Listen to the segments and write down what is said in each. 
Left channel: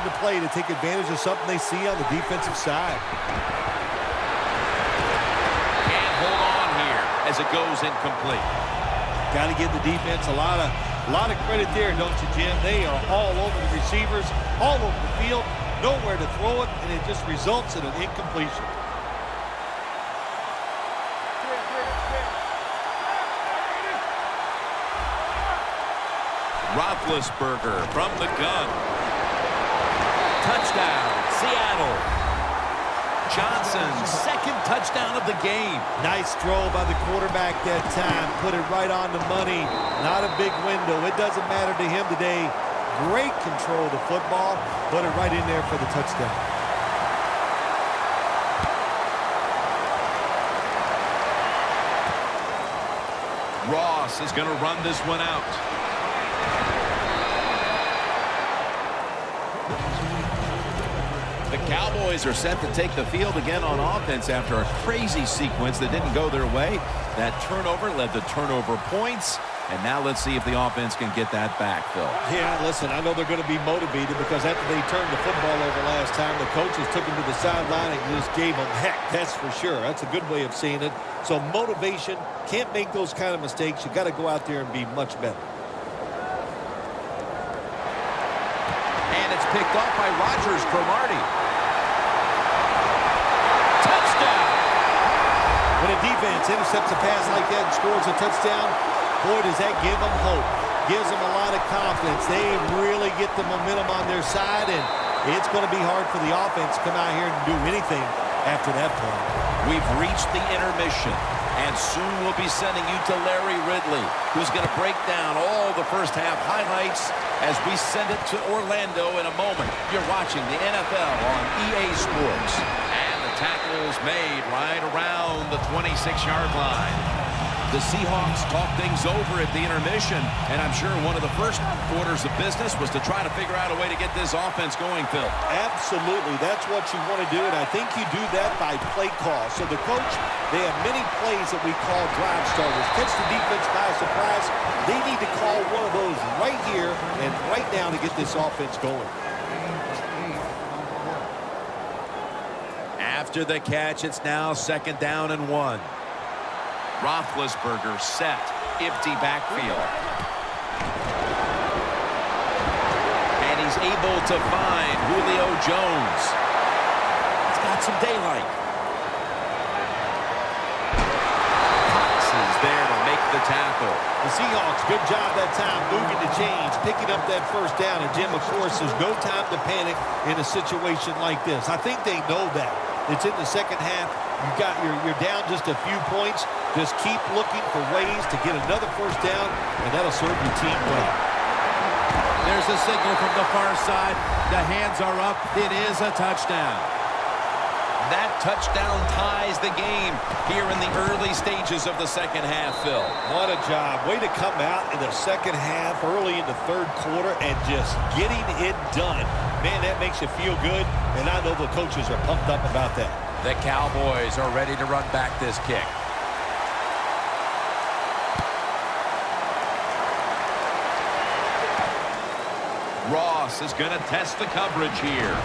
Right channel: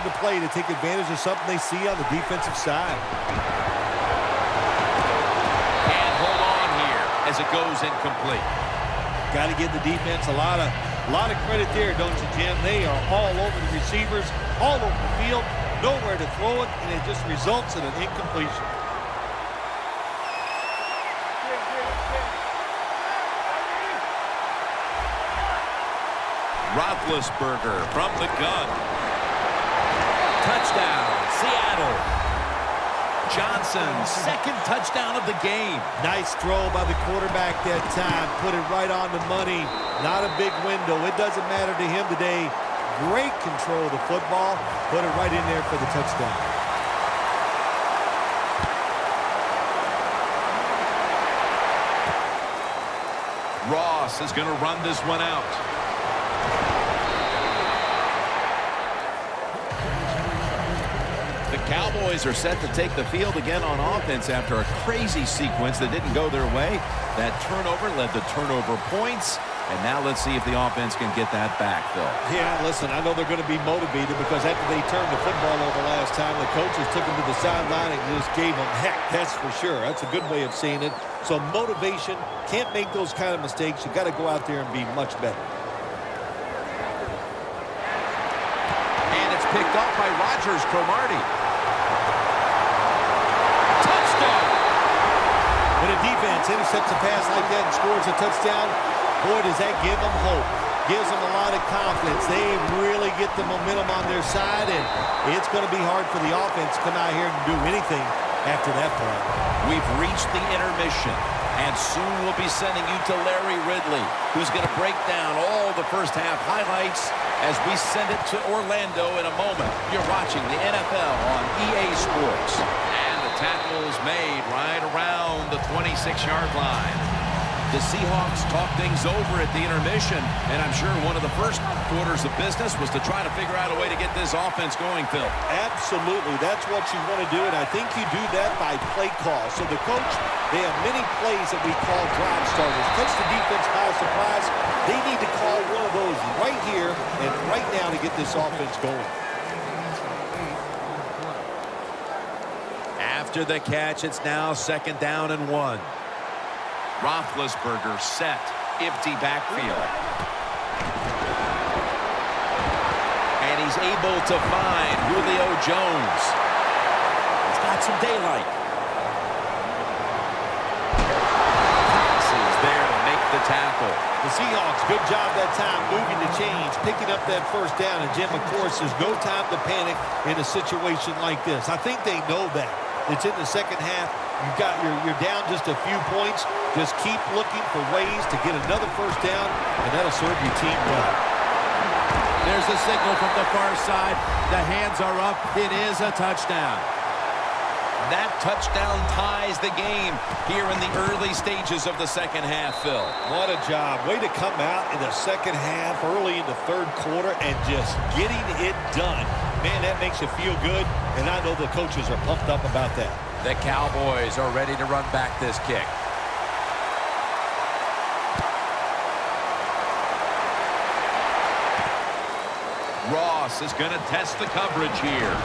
decision to play to take advantage of something they see on the defensive side. Can't hold on here as it goes incomplete. Got to give the defense a lot of credit there, don't you, Jim? They are all over the receivers, all over the field, nowhere to throw it, and it just results in an incompletion. Roethlisberger from the gun. Touchdown, Seattle. Johnson's second touchdown of the game. Nice throw by the quarterback that time. Put it right on the money. Not a big window. It doesn't matter to him today. Great control of the football. Put it right in there for the touchdown. Ross is going to run this one out. The Cowboys are set to take the field again on offense after a crazy sequence that didn't go their way. That turnover led to turnover points. And now let's see if the offense can get that back, Phil. Yeah, listen, I know they're going to be motivated because after they turned the football over last time, the coaches took them to the sideline and just gave them heck, that's for sure. That's a good way of seeing it. So motivation, can't make those kind of mistakes. You got to go out there and be much better. And it's picked off by Rodgers Cromartie. Touchdown! When a defense intercepts a pass like that and scores a touchdown, boy, does that give them hope. Gives them a lot of confidence. They really get the momentum on their side, and it's going to be hard for the offense to come out here and do anything after that play. We've reached the intermission, and soon we'll be sending you to Larry Ridley, who's going to break down all the first half highlights as we send it to Orlando in a moment. You're watching the NFL on EA Sports. And the tackle's made right around the 26-yard line. The Seahawks talk things over at the intermission, and I'm sure one of the first orders of business was to try to figure out a way to get this offense going, Phil. Absolutely. That's what you want to do, and I think you do that by play call. So the coach, they have many plays that we call drive starters. Catch the defense by surprise. They need to call one of those right here and right now to get this offense going. After the catch, it's now 2nd down and 1. Roethlisberger set, empty backfield. And he's able to find Julio Jones. He's got some daylight. Cox is there to make the tackle. The Seahawks, good job that time moving the chains, picking up that first down. And, Jim, of course, there's no time to panic in a situation like this. I think they know that. It's in the second half. You're down just a few points. Just keep looking for ways to get another first down, and that'll serve your team well. There's a signal from the far side. The hands are up. It is a touchdown. That touchdown ties the game here in the early stages of the second half, Phil. What a job. Way to come out in the second half, early in the third quarter, and just getting it done. Man, that makes you feel good, and I know the coaches are pumped up about that. The Cowboys are ready to run back this kick. Ross is going to test the coverage here.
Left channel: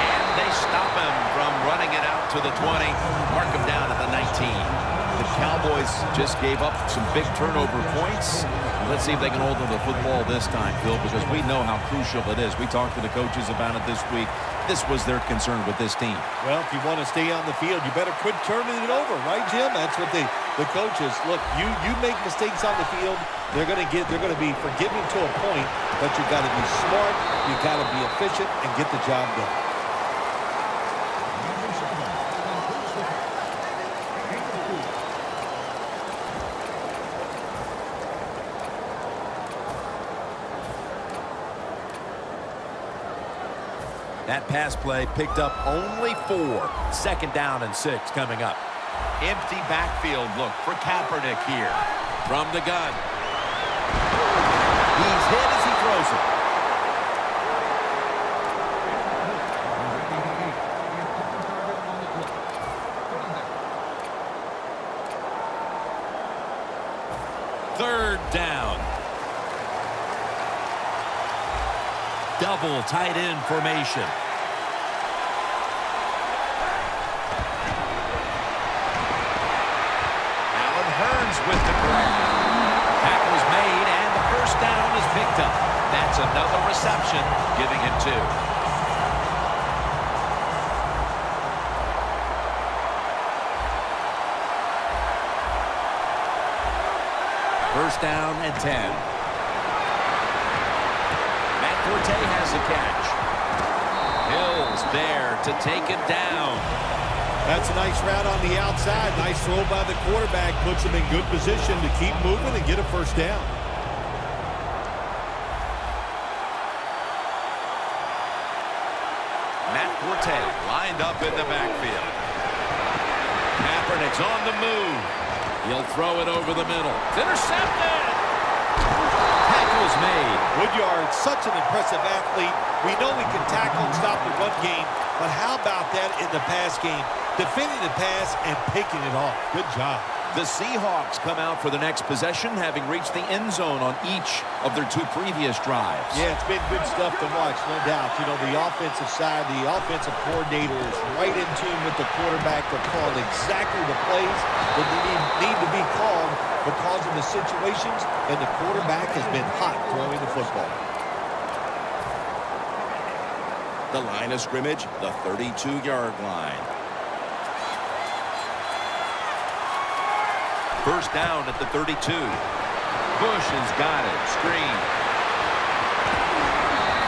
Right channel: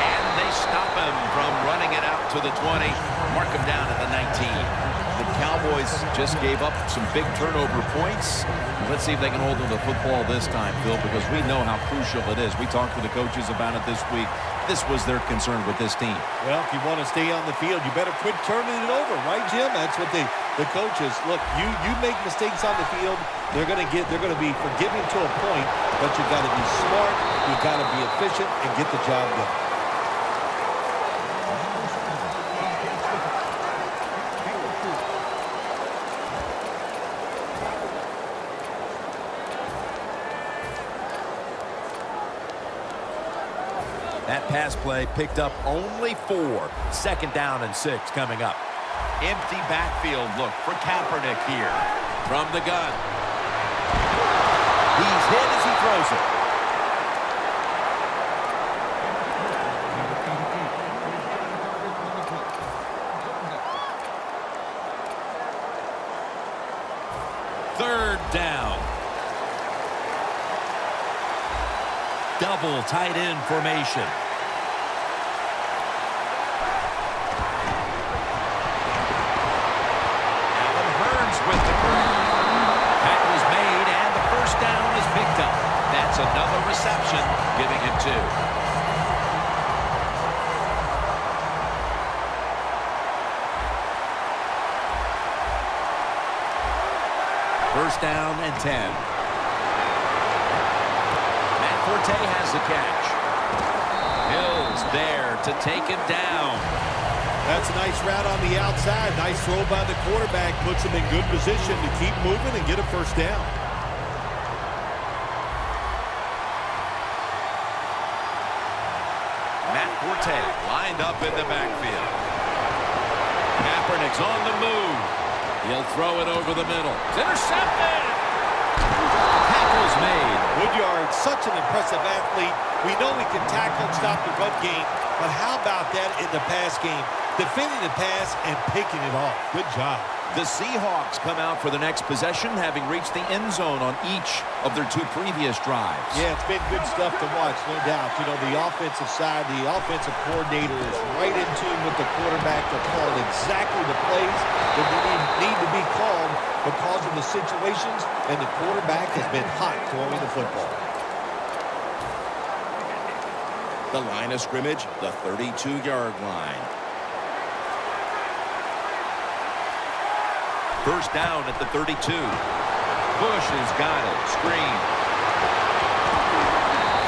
And they stop him from running it out to the 20. Mark him down at the 19. The Cowboys just gave up some big turnover points. Let's see if they can hold on to the football this time, Phil, because we know how crucial it is. We talked to the coaches about it this week. This was their concern with this team. Well, if you want to stay on the field, you better quit turning it over, right, Jim? That's what the coaches look. You make mistakes on the field, they're going to be forgiving to a point, but you got to be smart, you got to be efficient, and get the job done. That pass play picked up only 4. 2nd down and 6 coming up. Empty backfield look for Kaepernick here. From the gun. He's hit as he throws it. Third down. double tight end formation. Allen Hurns with the grab. Tackle's made, and the first down is picked up. That's another reception, giving him 2. First down and 10. Matt Forte has the catch. Hill's there to take him down. That's a nice route on the outside. Nice throw by the quarterback. Puts him in good position to keep moving and get a first down. Matt Forte lined up in the backfield. Kaepernick's on the move. He'll throw it over the middle. It's intercepted. Tackle's made. Woodyard, such an impressive athlete. We know he can tackle and stop the run game, but how about that in the pass game? Defending the pass and picking it off. Good job. The Seahawks come out for the next possession, having reached the end zone on each of their 2 previous drives. Yeah, it's been good stuff to watch, no doubt. You know, the offensive side, the offensive coordinator is right in tune with the quarterback. They're calling exactly the plays that they need to be called because of the situations, and the quarterback has been hot throwing the football. The line of scrimmage, the 32-yard line. First down at the 32. Bush has got it. Screen.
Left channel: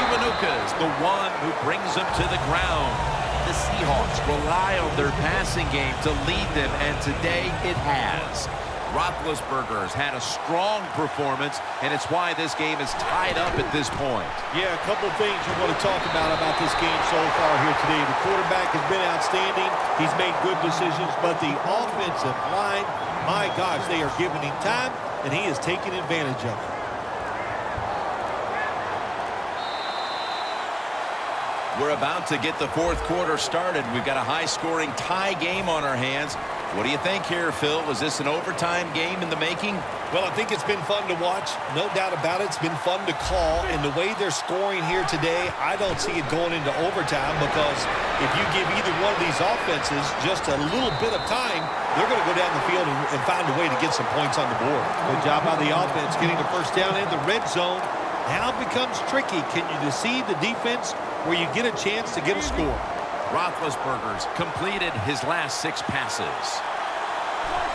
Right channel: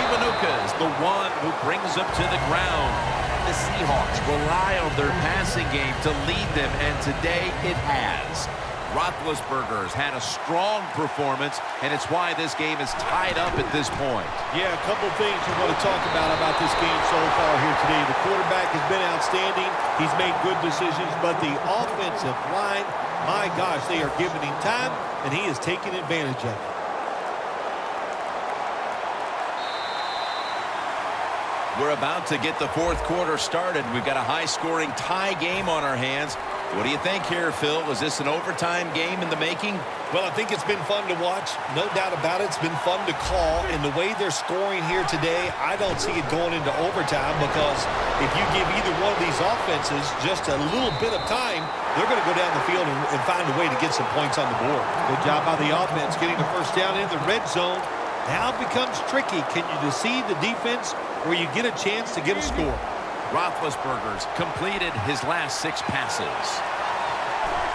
Kiwanuka's the one who brings them to the ground. The Seahawks rely on their passing game to lead them, and today it has. Roethlisberger's had a strong performance, and it's why this game is tied up at this point. Yeah, a couple things we want to talk about this game so far here today. The quarterback has been outstanding. He's made good decisions, but the offensive line, my gosh, they are giving him time, and he is taking advantage of it. We're about to get the 4th quarter started. We've got a high-scoring tie game on our hands. What do you think here, Phil? Is this an overtime game in the making? Well, I think it's been fun to watch. No doubt about it. It's been fun to call. And the way they're scoring here today, I don't see it going into overtime, because if you give either one of these offenses just a little bit of time, they're going to go down the field and find a way to get some points on the board. Good job by the offense getting the first down in the red zone. Now it becomes tricky. Can you deceive the defense where you get a chance to get a score? Roethlisberger's completed his last 6 passes.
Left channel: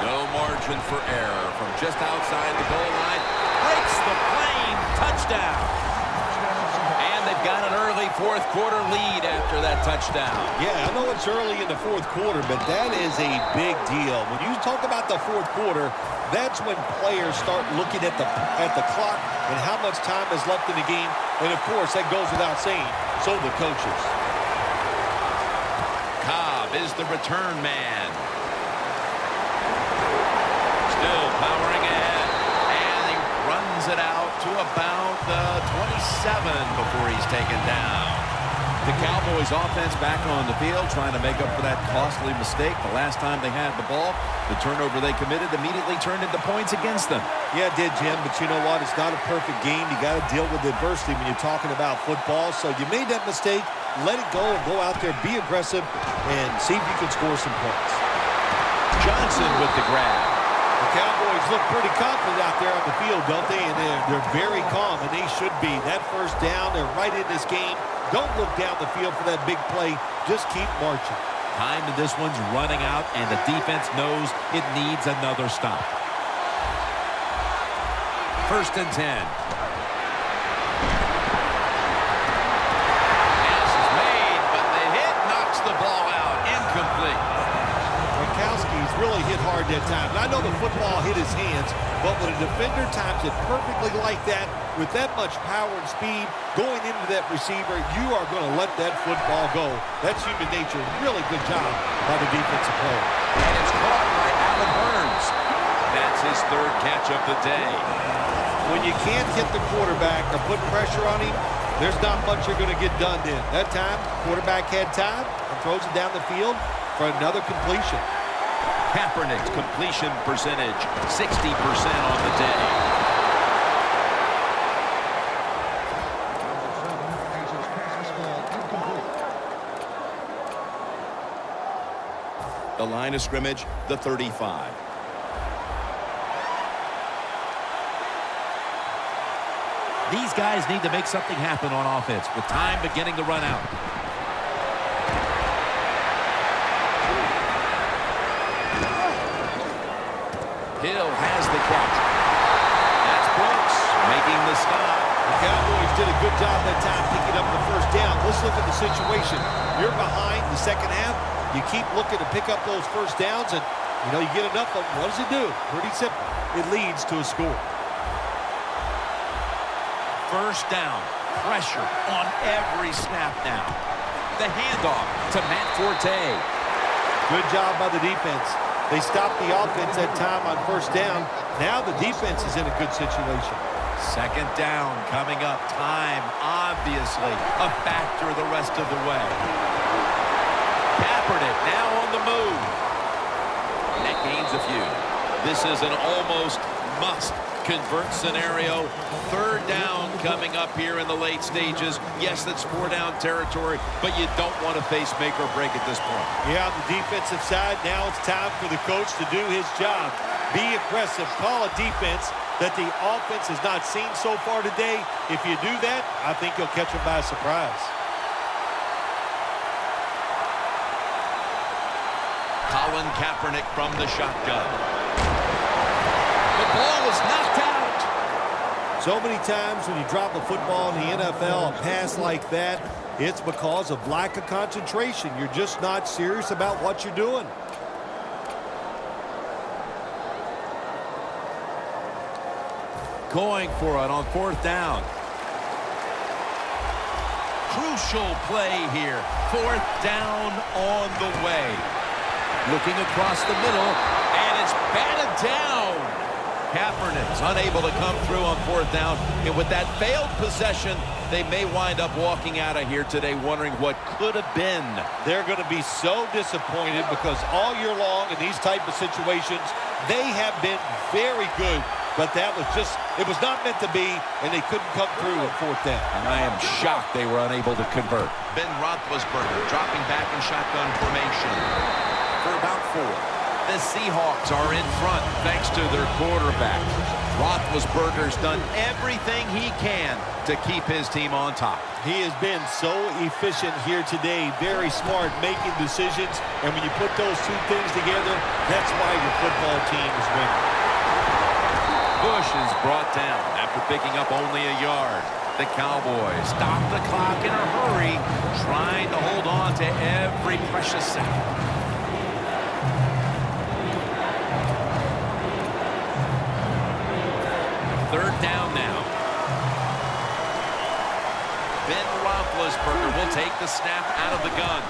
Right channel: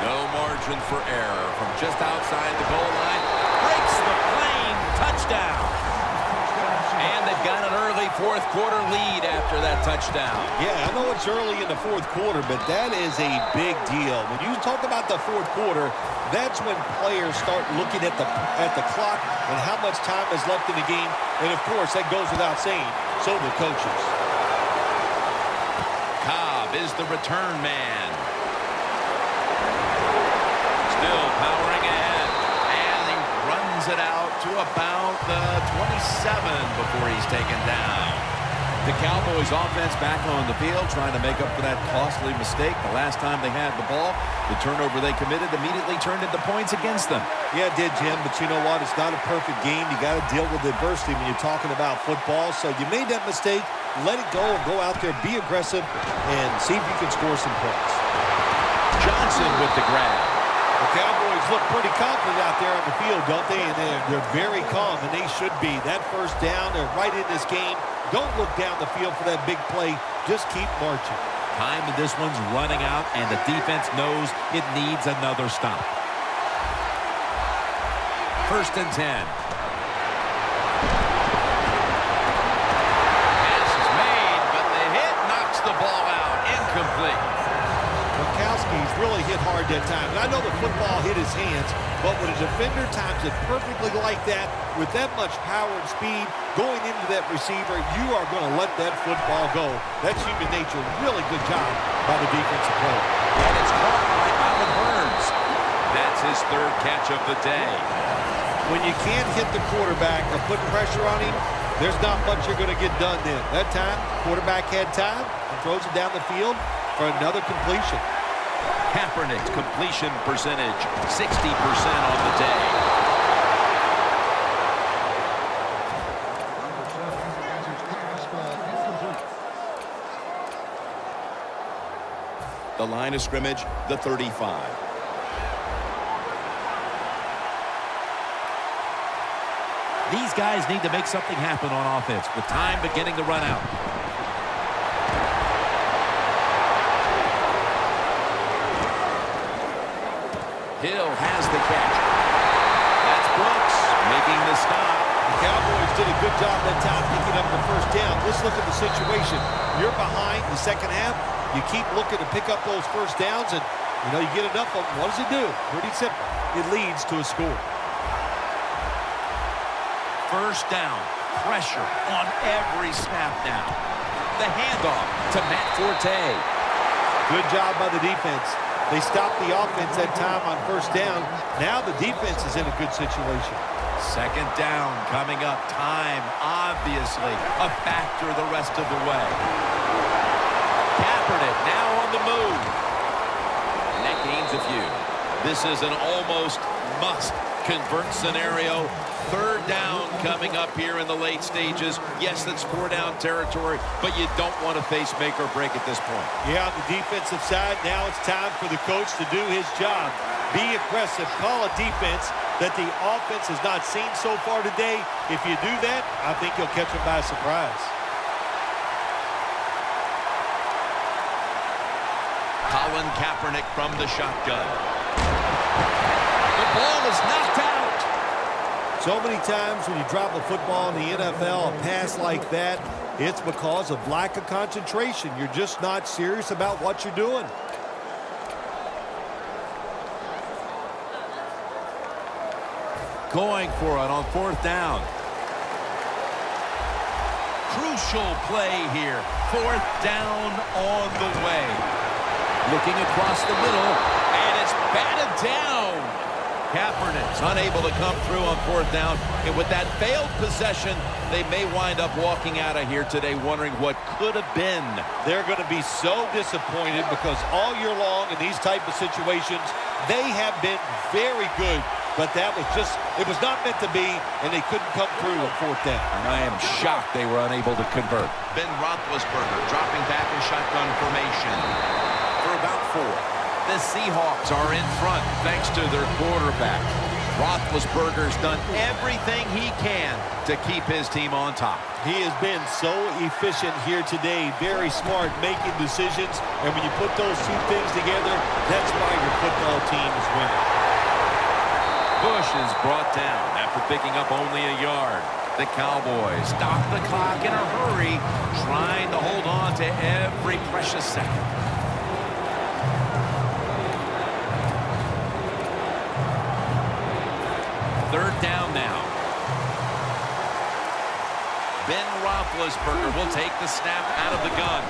No margin for error from just outside the goal line. Breaks the plane. Touchdown. And they've got an early 4th quarter lead after that touchdown. Yeah, I know it's early in the 4th quarter, but that is a big deal. When you talk about the 4th quarter, that's when players start looking at the clock and how much time is left in the game. And, of course, that goes without saying. So the coaches. Cobb is the return man. Still powering ahead. And he runs it out to about the 27 before he's taken down. The Cowboys offense back on the field trying to make up for that costly mistake. The last time they had the ball, the turnover they committed immediately turned into points against them. Yeah, it did, Jim, but you know what? It's not a perfect game. You got to deal with adversity when you're talking about football. So you made that mistake. Let it go and go out there, be aggressive, and see if you can score some points. Johnson with the grab. The Cowboys look pretty confident out there on the field, don't they? And they're very calm, and they should be. That first down, they're right in this game. Don't look down the field for that big play. Just keep marching. Time in this one's running out, and the defense knows it needs another stop. 1st and 10. Pass is made, but the hit knocks the ball out. Incomplete. Gronkowski's really hit hard that time. And I know the football hit his hands, but when a defender times it perfectly like that, with that much power and speed going into that receiver, you are going to let that football go. That's human nature. Really good job by the defensive player. And it's caught by Allen Hurns. That's his 3rd catch of the day. When you can't hit the quarterback or put pressure on him, there's not much you're going to get done then. That time, quarterback had time and throws it down the field for another completion. Kaepernick's completion percentage, 60% on the day. The line of scrimmage, the 35. These guys need to make something happen on offense with time beginning to run out. Hill has the catch. That's Brooks making the stop. The Cowboys did a good job that time picking up the first down. Let's look at the situation. You're behind the second half. You keep looking to pick up those first downs, and, you get enough of them. What does it do? Pretty simple. It leads to a score. First down. Pressure on every snap now. The handoff to Matt Forte. Good job by the defense. They stopped the offense that time on first down. Now the defense is in a good situation. Second down coming up. Time, obviously, a factor the rest of the way. Kaepernick now on the move. And that gains a few. This is an almost must-convert scenario. Third down coming up here in the late stages. Yes, that's 4-down territory, but you don't want to face make or break at this point. Yeah, on the defensive side, now it's time for the coach to do his job. Be aggressive. Call a defense that the offense has not seen so far today. If you do that, I think you'll catch them by surprise. Colin Kaepernick from the shotgun. The ball is knocked out. So many times when you drop a football in the NFL, a pass like that, it's because of lack of concentration. You're just not serious about what you're doing. Going for it on fourth down. Crucial play here. Fourth down on the way. Looking across the middle, and it's batted down. Kaepernick's unable to come through on fourth down, and with that failed possession, they may wind up walking out of here today wondering what could have been. They're going to be so disappointed because all year long in these type of situations, they have been very good, but that was just, it was not meant to be, and they couldn't come through on fourth down. And I am shocked they were unable to convert. Ben Roethlisberger dropping back in shotgun formation for about 4. The Seahawks are in front thanks to their quarterback. Roethlisberger's done everything he can to keep his team on top. He has been so efficient here today, very smart, making decisions, and when you put those two things together, that's why your football team is winning. Bush is brought down after picking up only a yard. The Cowboys stop the clock in a hurry, trying to hold on to every precious second. Third down now. Ben Roethlisberger will take the snap out of the gun.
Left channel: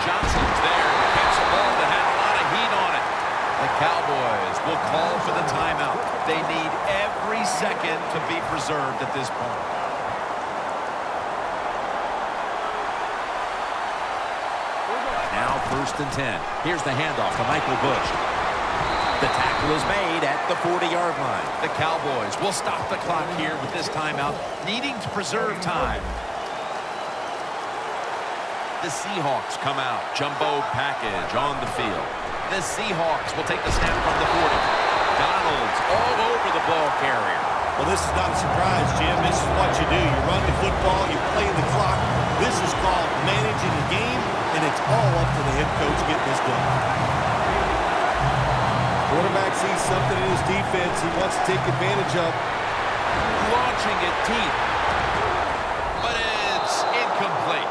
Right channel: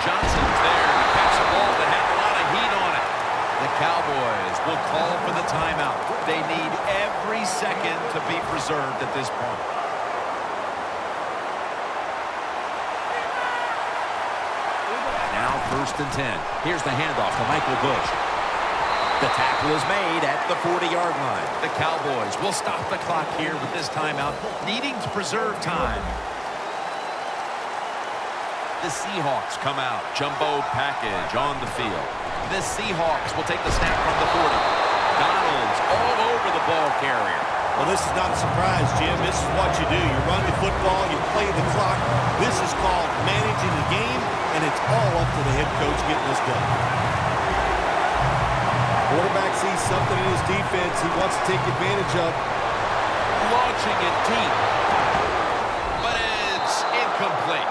Johnson's there to catch a ball that had a lot of heat on it. The Cowboys will call for the timeout. They need every second to be preserved at this point. Now 1st and 10. Here's the handoff to Michael Bush. The tackle is made at the 40-yard line. The Cowboys will stop the clock here with this timeout, needing to preserve time. The Seahawks come out. Jumbo package on the field. The Seahawks will take the snap from the 40. Donald's all over the ball carrier. Well, this is not a surprise, Jim. This is what you do. You run the football, you play the clock. This is called managing the game, and it's all up to the head coach getting this done. Quarterback sees something in his defense he wants to take advantage of. Launching it deep. But it's incomplete.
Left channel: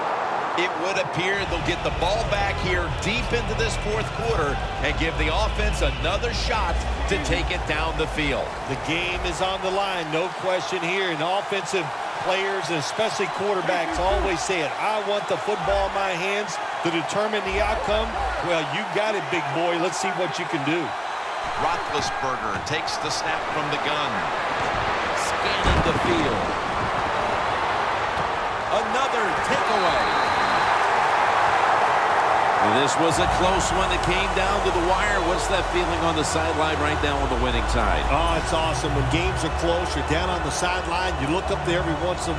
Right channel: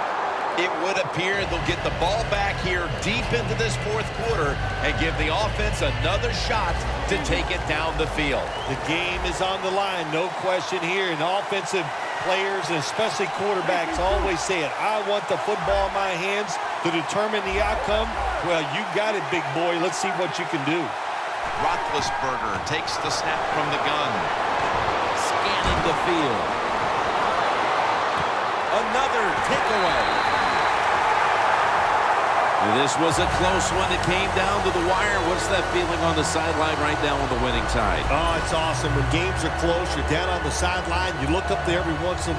It would appear they'll get the ball back here deep into this fourth quarter and give the offense another shot to take it down the field. The game is on the line, no question here. And offensive players, and especially quarterbacks, always say it. I want the football in my hands to determine the outcome. Well, you got it, big boy. Let's see what you can do. Roethlisberger takes the snap from the gun. Scanning the field. Another takeaway. This was a close one that came down to the wire. What's that feeling on the sideline right now on the winning side? Oh, it's awesome. When games are close, you're down on the sideline. You look up there every once in a while.